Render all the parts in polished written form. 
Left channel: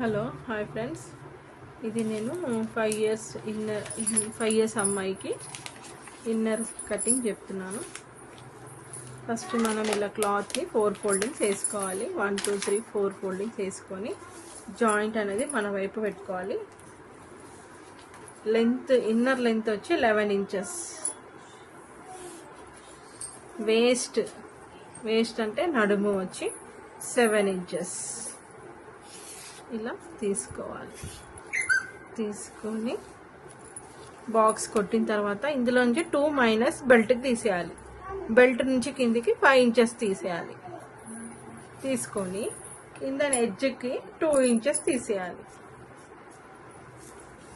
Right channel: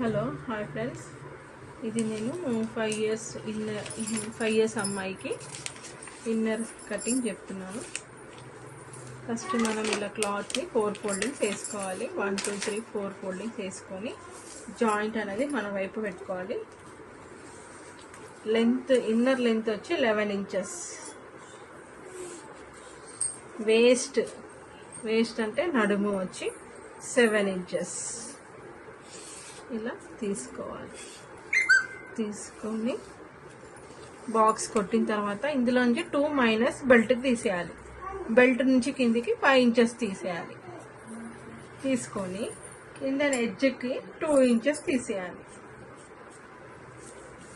Hello hi friends, ఇది నేను 5 years అమ్మాయికి ఇన్నర్ కటింగ్ చెప్తున్నాను. ఫస్ట్ మనం ఇలా క్లాత్ని 4 ఫోల్డింగ్స్ వేసుకోవాలి. 1 2 3 4 ఫోల్డింగ్స్ వేసుకొని జాయింట్ అనేది మన వైపు పెట్టుకోవాలి. ఇన్నర్ లెంత్ వచ్చి 11 ఇంచెస్. వేస్ట్ అంటే నడుము వచ్చి 7 ఇంచెస్. ఇలా తీసుకొని బాక్స్ కొట్టిన తర్వాత ఇందులోంచి 2 మైనస్ బెల్ట్ తీసేయాలి. బెల్ట్ నుంచి కిందికి 5 ఇంచెస్ తీసేయాలి. తీసుకొని కింద ఎడ్జ్కి 2 ఇంచెస్ తీసేయాలి.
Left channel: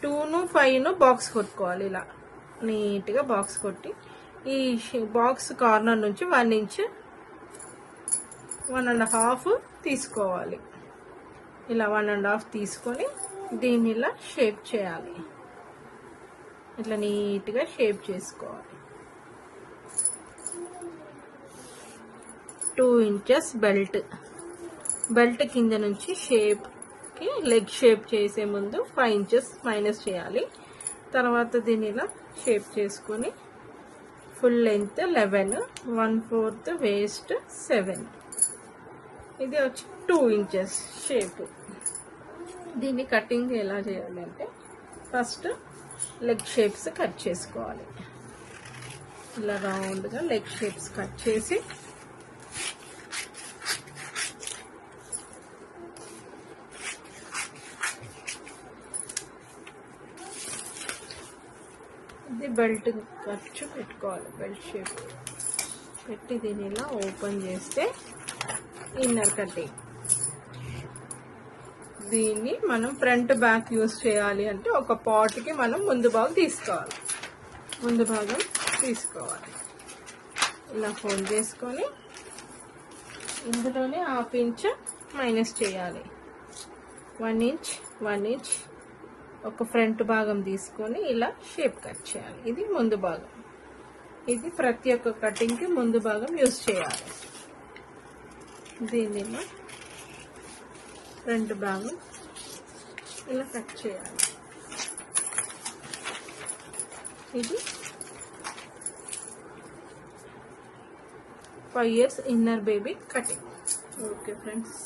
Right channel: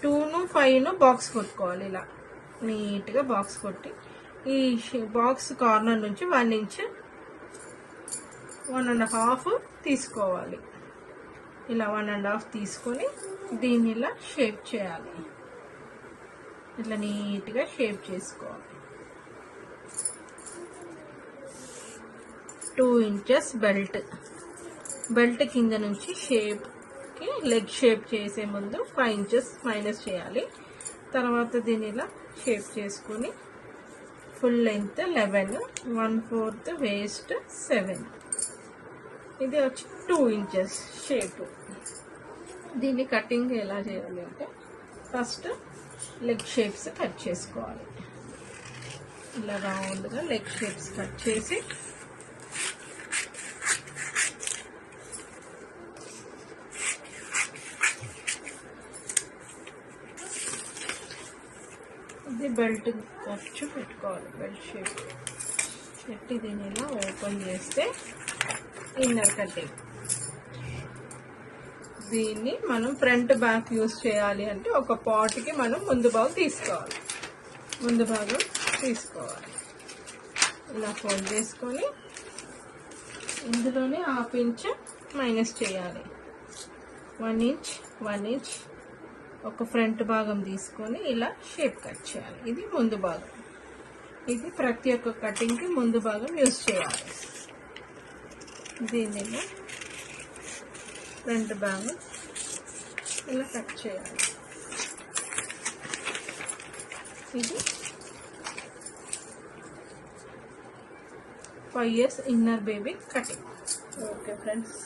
2ను 5ను బాక్స్ కొట్టుకోవాలి. ఇలా నీట్గా బాక్స్ కొట్టి ఈ బాక్స్ కార్నర్ నుంచి 1 ఇంచ్ 1.5 తీసుకోవాలి. ఇలా 1.5 తీసుకొని దీన్ని ఇలా షేప్ చేయాలి. ఇట్లా నీట్గా షేప్ చేసుకోవాలి. 2 ఇంచెస్ బెల్ట్ కింద నుంచి షేప్కి లెగ్ షేప్ చేసే ముందు 5 ఇంచెస్ మైనస్ చేయాలి. తర్వాత దీన్ని ఇలా షేప్ చేసుకొని ఫుల్ లెంత్ 11, 1/4 వేస్ట్ 7. ఇది వచ్చి 2 ఇంచెస్ షేప్. దీన్ని కటింగ్ ఎలా చేయాలి అంటే ఫస్ట్ లెగ్ షేప్స్ కట్ చేసుకోవాలి. ఇలా రౌండ్గా లెగ్ షేప్స్ కట్ చేసి ఇది బెల్ట్ ఖర్చు పెట్టుకోవాలి. బెల్ట్ షేప్ పెట్టి దీన్ని ఇలా ఓపెన్ చేస్తే ఇన్నర్ కటింగ్. దీన్ని మనం ఫ్రంట్ బ్యాక్ యూస్ చేయాలి అంటే ఒక పాట్కి మనం ముందు భాగం తీసుకోవాలి. ఇలా ఫోల్డ్ చేసుకొని ఇందులోనే 1/2 ఇంచ్ మైనస్ చేయాలి. 1 ఇంచ్ ఒక ఫ్రంట్ భాగం తీసుకొని ఇలా షేప్ కట్ చేయాలి. ఇది ముందు భాగం. ఇది ప్రతి ఒక్క కటింగ్కి ముందు భాగం యూస్ చేయాలి. దీనిలో ఫ్రంట్ భాగం ఇలా కట్ చేయాలి. ఇది 5 years inner baby cutting. Okay friends.